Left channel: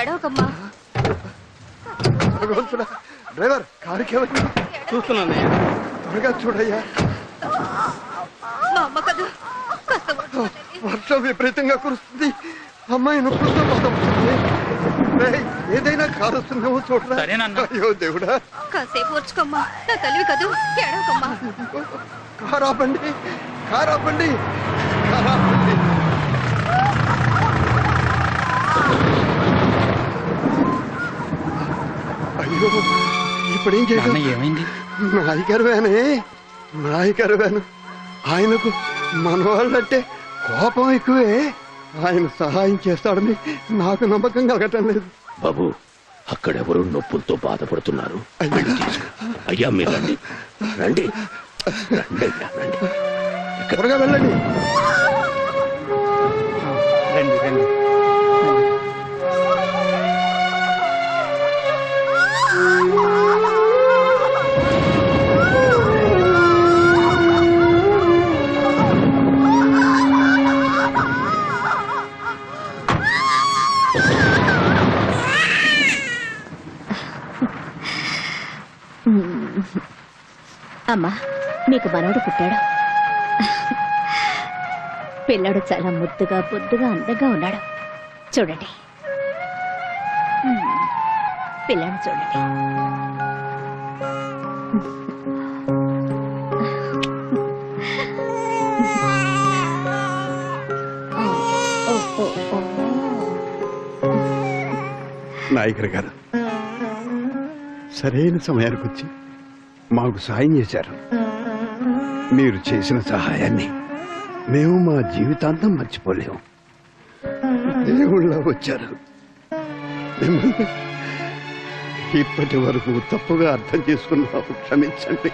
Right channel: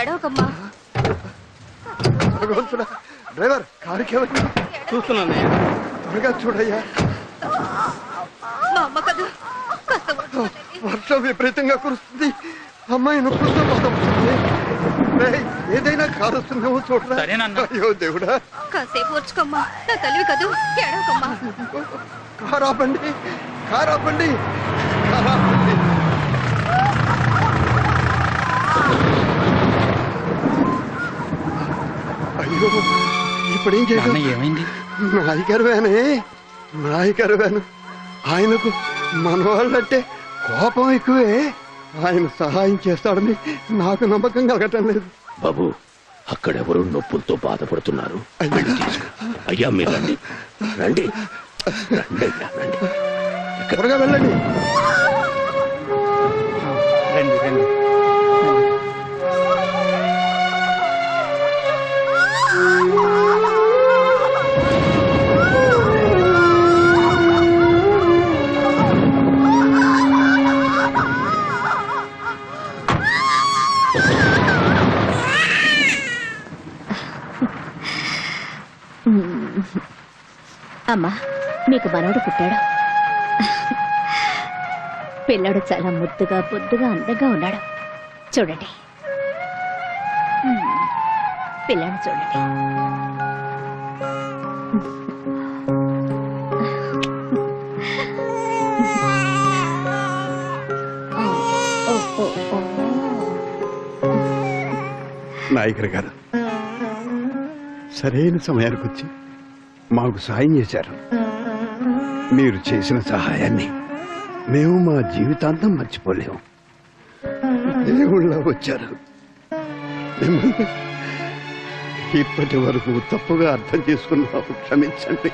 ఎడవకమ్మా భగవంతుడా డ్రైవర్ కారుకి త్వరగా చూడయ్యా. వర్షం విపరీతంగా కురుస్తుంది. అమ్మాయిని ఏదైనా కారు వస్తుందేమో చూడరా. అయ్యో దేవుడా. కాసేపు ఓర్చుకోమ్మా. నా తల్లివి కదూ ఎడవకమ్మా కారు ఆపండి కారు ఆపండి కారు ఆపండి అయ్యో ఇప్పుడు ఏం చేయాలి ఏమైంది? నాయకరు వేనే నాయకరు వేను ఆయనకు మనవాళ్ళంటే కోపం ఎక్కువే. ఆయన సహాయం చేస్తాడని నాకు నమ్మకం కలగటం లేదు. బాబు అక్కడెవరో నొప్పులతో బాధపడుతున్నారు. అయ్యా. మీరు రండి. రండి. రండి అయ్యా రండి. త్వరగా వెళ్ళండి. రండి రండి. అమ్మా మీకు మనవడు పుట్టాడు? పిల్లాడు చాలా ముద్దుగా బొద్దుగా అందంగా ఉన్నాడు. చూడండి. పిల్లని పిల్లాడు చూడండి ఓ, ఓ, ఓ. నాయకర్ గారు. సరైన సమయానికి వచ్చి మాకు సాయం చేశారు. మీరు చేసిన సహాయాన్ని మేము మా జీవితాంతం మర్చిపోలేము. దేవుళ్ళ వచ్చారు. ఇప్పటి వరకు తప్పుగా అర్థం చేసుకున్నాము క్షమించండి.